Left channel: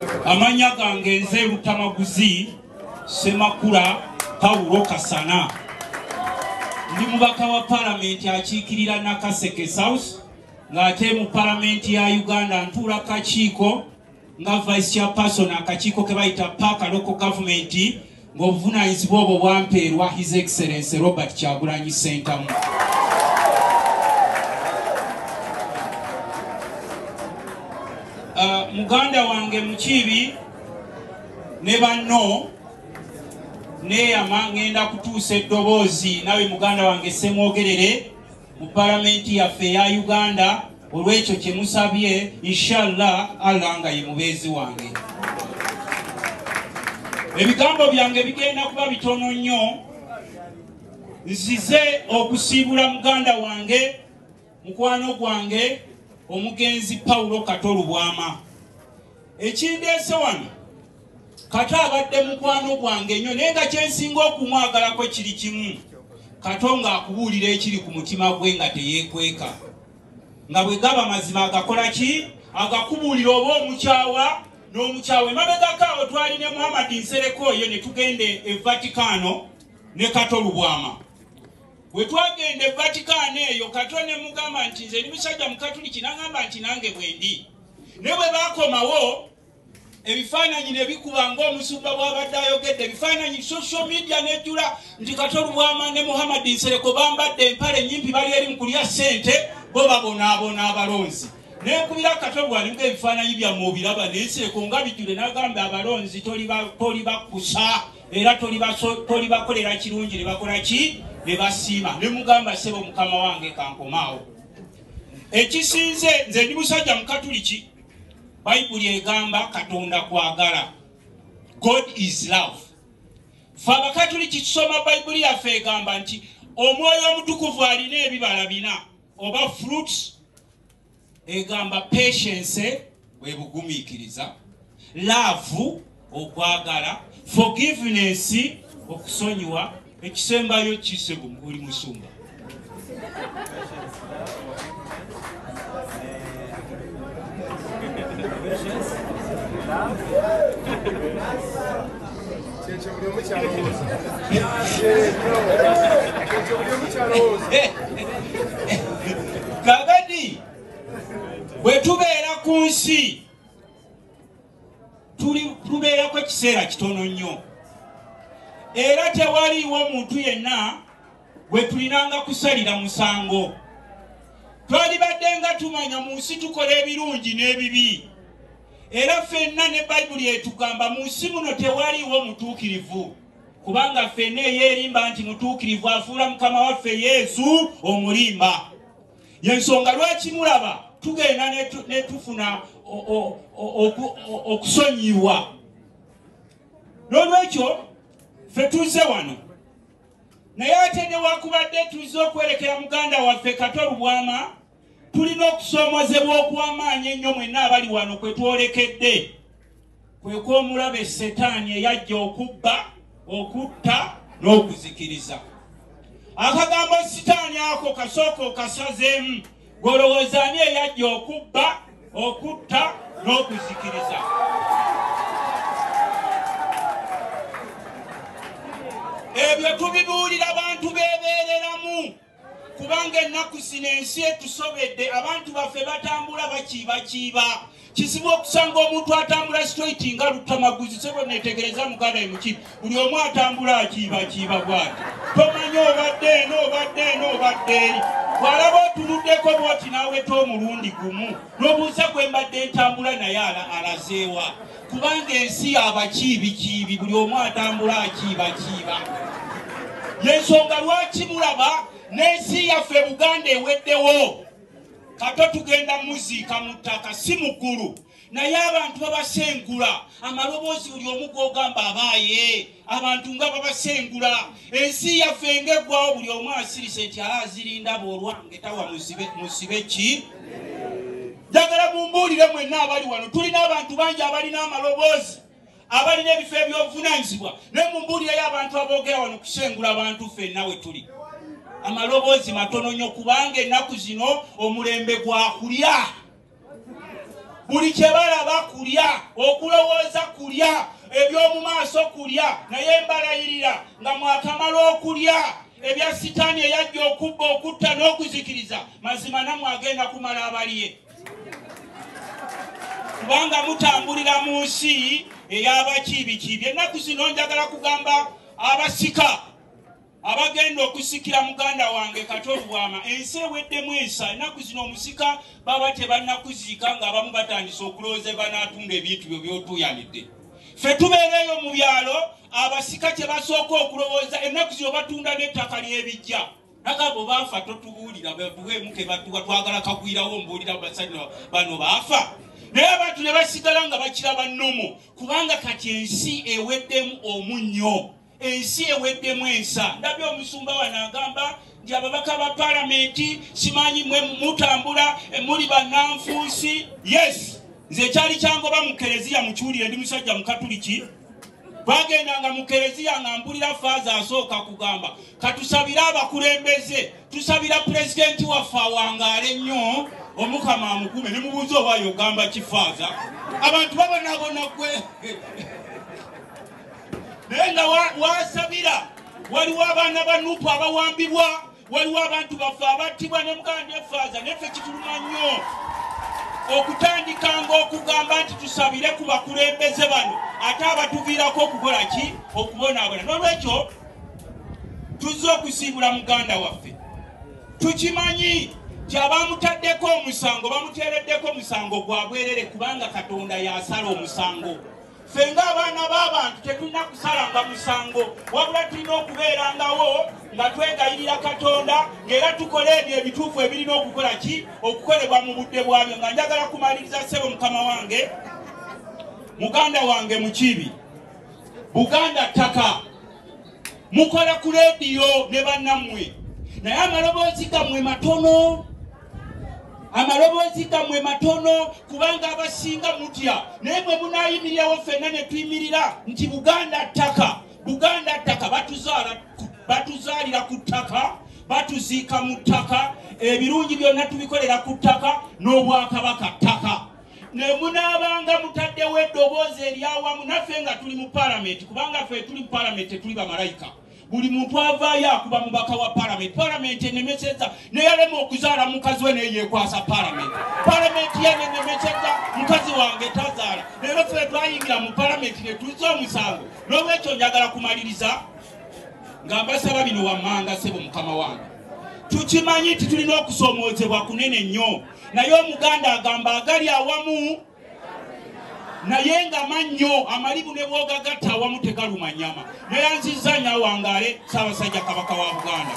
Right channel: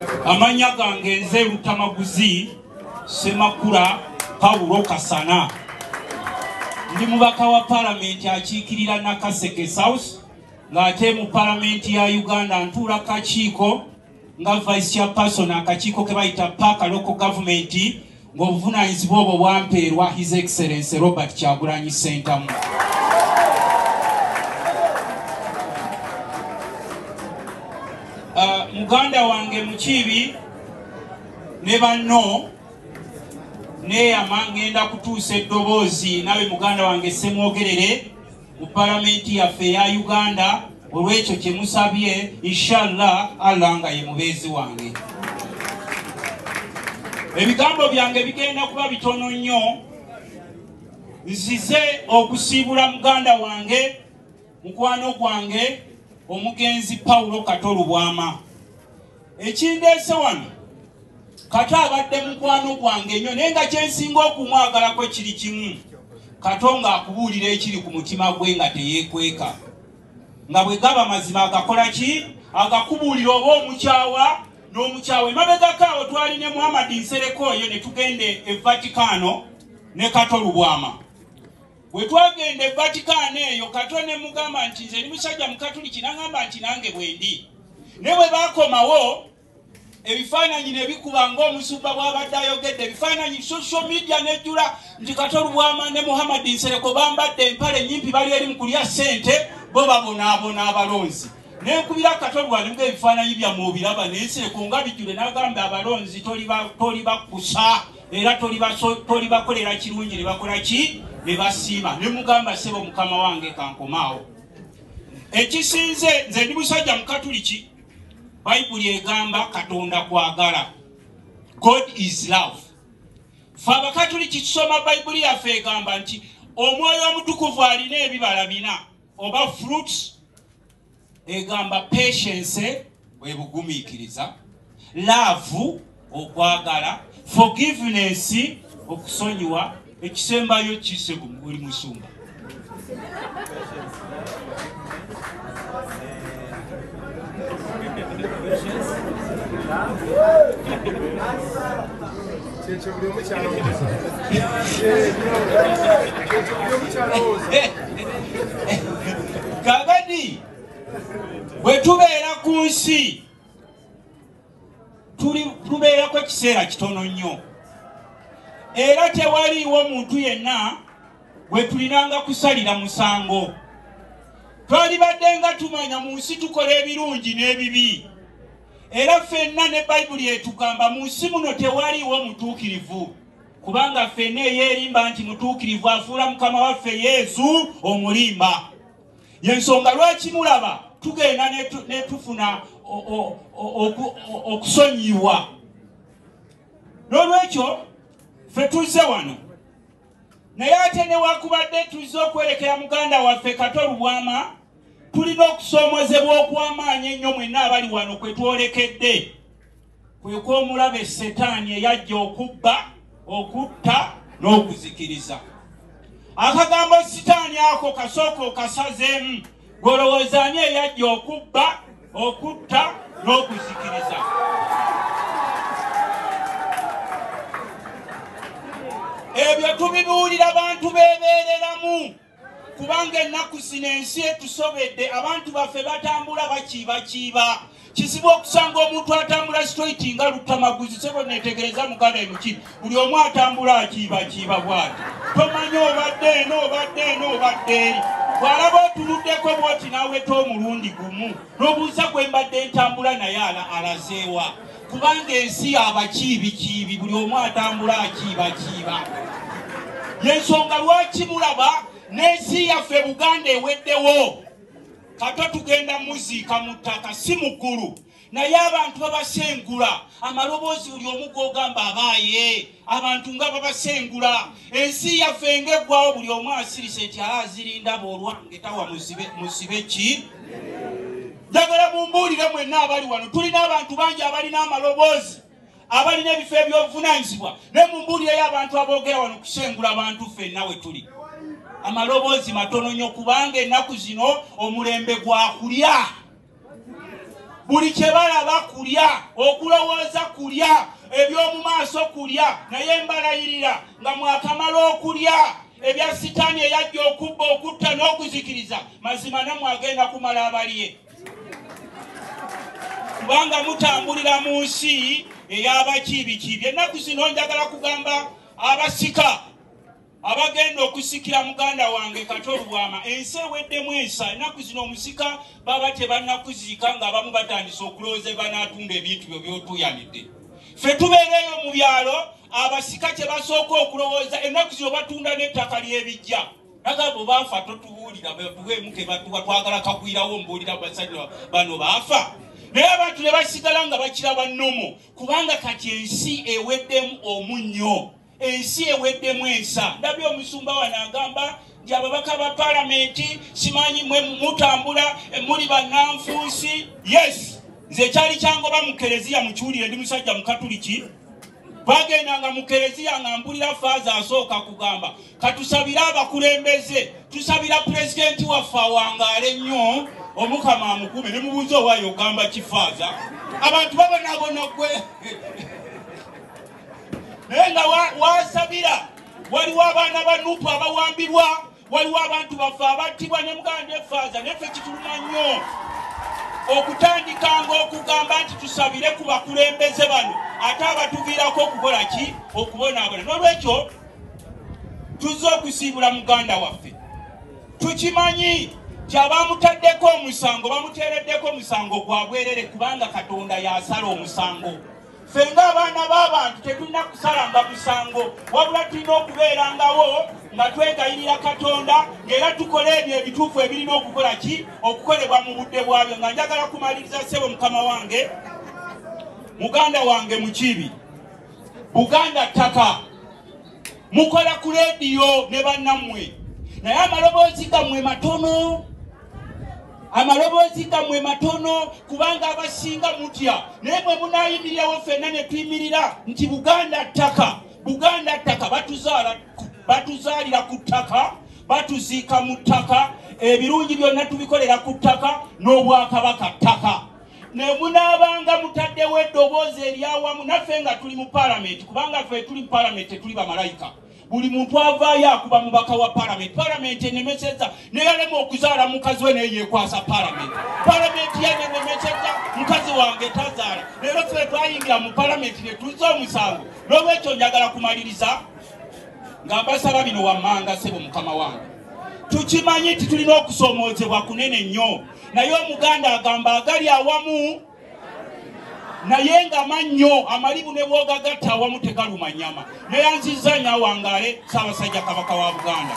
Amanya gange nze Lutamaguzi Semakula Paulo Kasana. Ndi mubaka wa parliament akiikirira Nakaseke South ng'ate mu parliament ya Uganda ntula kakiiko nga vice chairperson akakiiko ke bayita Paka local government ng'obuvunaanyizibwa obwo bwampeerwa His Excellency Robert Kyagulanyi Ssentamu. Muganda wange Mukiibi ne banno neyama ngenda kutuusa eddoboozi nawe muganda wange Semwogerere mu palamenti yaffe ya Uganda olw'ekyo kye musabye inshallah Allah nga ye mubeezi wange. Ebigambo byange bigenda kuba bitono nnyo. Nzize okusiibula muganda wange mukwano gwange omugenzi Paulo Kato Lubwama. Ekindeese wano Kato abadde mukwano gwange nnyo naye nga kyensinga okumwagalako kiri kimu. Kato ng'akubuulira ekiri ku mutima gwe nga teyeekweka. Nga bwe gaba mazima agakola ki? Agakubuulira oba omukyawa n'omukyawa. Emabegako awo twali ne Muhammad Nsereko oyo ne tugende e Vatikano ne Kato Lubwama. Bwe twagenda e Vatikano eyo Kato ne mugamba nti nze ni musajja Mukatuliki n'agamba nti nange bwendi. Ne bwe baakomawo ebifaananyi ne bikuba ng'omusumba bw'abadde ayogedde ebifaananyi social media nejjula nti Kato Lubwama ne Muhammad Nsereko bambadde empale nnyimpi bali eri mu kulya ssente bo babonaabona abalonzi. Nekubira Kato Lubwama ne ebifaananyi byammwe obiraba ne Nsereko nga bijjule n'agamba abalonzi tolibakusa era tolibakolera kirungi ne bakola ki ne basiima. Ne mugamba ssebo mukama wange kankomaawo. Ekisinze nze ndi musajja Mukatuliki. Bayibuli egamba Katonda kwagala. God is love. Ffe Abakatuliki tusoma Bayibuli yaffe egamba nti Omwoyo Omutukuvu alina ebibala bina oba fruits. Egamba patience bwe bugumiikiriza, love okwagala, forgiveness okusonyiwa, ekisembayo kisebo oli musumba. Kakati bwe tubeera ku nsi tubeerako ekiseera kitono nnyo era tewaliiwo muntu yenna bwe tulinanga kusalira musango. Twalibadde nga tumanya mu nsi tukola ebirungi n'ebibi era ffenna ne Bayibuli etugamba mu nsi muno tewaliiwo mutuukirivu kubanga ffenna eyeerimba nti mutuukirivu afuula mukama waffe Yesu omulimba. Yensonga lwaki mulaba tugenda ne tufuna okusonyiwa. N'olwekyo ffe tuzze wano naye ate newakubadde tuzze okwerekera muganda waffe Kato Lubwama tulina okusoomozebwa okw'amaanyi ennyo mwenna abali wano kwe twolekedde kwe kw'omulabe Setaani eyajja okubba, okutta n'okuzikiriza. Akagambo Setaani ako kasooka okasazeemu golowooza ani eyajja okubba, okutta n'okuzikiriza. Ebyo tubibuulira abantu beebeereramu kubanga ennaku zino ensi etusobedde abantu baffe batambula bakiibakiiba. Kizibu okusanga omuntu atambula straight nga Lutamaguzi sebo netegereza muganda Mukiibi buli omu atambula akiibakiiba bw'ati. Tomanyi obadde eno obadde eno obadde eri. Bw'alaba otunuddeko bw'oti naawe omulundi gumu n'obuuza gwe mbadde ntambula naye alazeewa. Kubanga ensi abakiibikiibi buli omu atambula akiibakiiba. Yensonga lwaki mulaba n'ensi yaffe Buganda eweddewo. Kato tugenda muziika mu ttaka si mukulu naye abantu babasengula amaloboozi buli omu g'ogamba abaaye abantu nga babasengula. Ensi yaffe ng'eggwawo buli omu asirise nti azirinda b'olwange tawa musibe ki. Njagala mumbuulire mwenna abali wano tulina abantu bangi abalina amaloboozi abalina ebifo eby'obuvunaanyizibwa naye mumbuulireyo abantu aboogera wano kusengula abantu ffenna we tuli. Amaloboozi matono nnyo kubanga ennaku zino omulembe gwa kulya. buli kye balaba kulya okulowooza kulya eby'omu maaso kulya naye mbalayirira nga mwakamala okulya ebya sitaani eyajja okubba okutta n'okuzikiriza mazima namwe agenda kumala abaliye kubanga mutambulira mu nsi ey'abakiibiki ennaku zino njagala kugamba abasika abagenda okusikira muganda wange Kato Lubwama ensi eweddemu ensa ennaku zino omusika baba tebannakuziika ng'abamu batandise okulowooza banaatunda ebintu byo by'otuuyanidde ffe tubeereyo mu byalo abasika kye basooka okulowooza ennaku zino batunda n'ettaka ly'ebijja nagabo baafa totubuulira batuweemu ke batuwa twagala kagwirawo mbuulira basajja bano baafa naye abantu ne basigala nga bakiraba nnomo kubanga kati ensi eweddemu omunnyo ensi eweddemu ensa ndabye omusumba wano agamba nti ababaka ba palamenti simanyi mwe mutambula muli bannanfuusi yes nze ekyali kyangoba mu kereziya mukiwulire ndi musajja mukatuliki twagendanga mu kereziya nga mpulira faaza asooka kugamba katusabire abakulembeze tusabira pulezidenti waffe awangaale nnyo omukama amukume ne mubuuza owaayo ogamba kifaaza abantu babonabona gwe naye nga wasabira waliwo abaana ba Nuupu abawambirwa waliwo abantu baffe abattibwa ne muganda efaaza neffe kituluma nnyo okutandikanga okugamba nti tusabire ku bakulembeze bano ate abatuviirako okukola ki okubonaabona n'olwekyo tuzze okusiibula muganda waffe tukimanyi nti abamutaddeko omusango bamuteereddeko omusango gwa bwerere kubanga Katonda yasala omusango ffe ng'abaana b'abantu tetulina kusalanga musango wabula tulina okubeerangawo nga twegayirira Katonda ng'era tukola ebyo ebituufu ebirina okukola ki okukolebwa mu budde bwabyo nga njagala kumaliriza ssebo mukama wange muganda wange Mukiibi Buganda ttaka mukola ku leediyo ne bannammwe naye amaloboozi gammwe matono amaloboozi gammwe matono kubanga abasinga mutya naye bwe munaayimirirawo ffenna ne tuyimirira nti Buganda ttaka batuzaalira ku ttaka batuziika mu ttaka ebirungi byonna tubikolera ku ttaka n'obwakabaka ttaka ne munaabanga mutaddewo eddoboozi eryawamu naffe nga tuli mu palamenti kubanga ffe tuli mu palamenti tuli bamalayika buli muntu avaayo akuba mubaka wa palamenti enemeseza neyalema okuzaala mukazi we neyeekwasa palamenti yenenemeseza mukazi wange tazaala leero ffe twayingira mu palamenti ne tuzza omusango n'olwekyo njagala kumaliriza nga mbasaba bino wammanga ssebo mukama wange tukimanyi nti tulina okusoomoozebwa kunene nnyo naye omuganda agamba agali awamu naye nga mannyo amalibu ne bwogagatta awamu tegaluma nnyama neyanziza nnyo awangaale Ssaabasajja Kabaka wa Buganda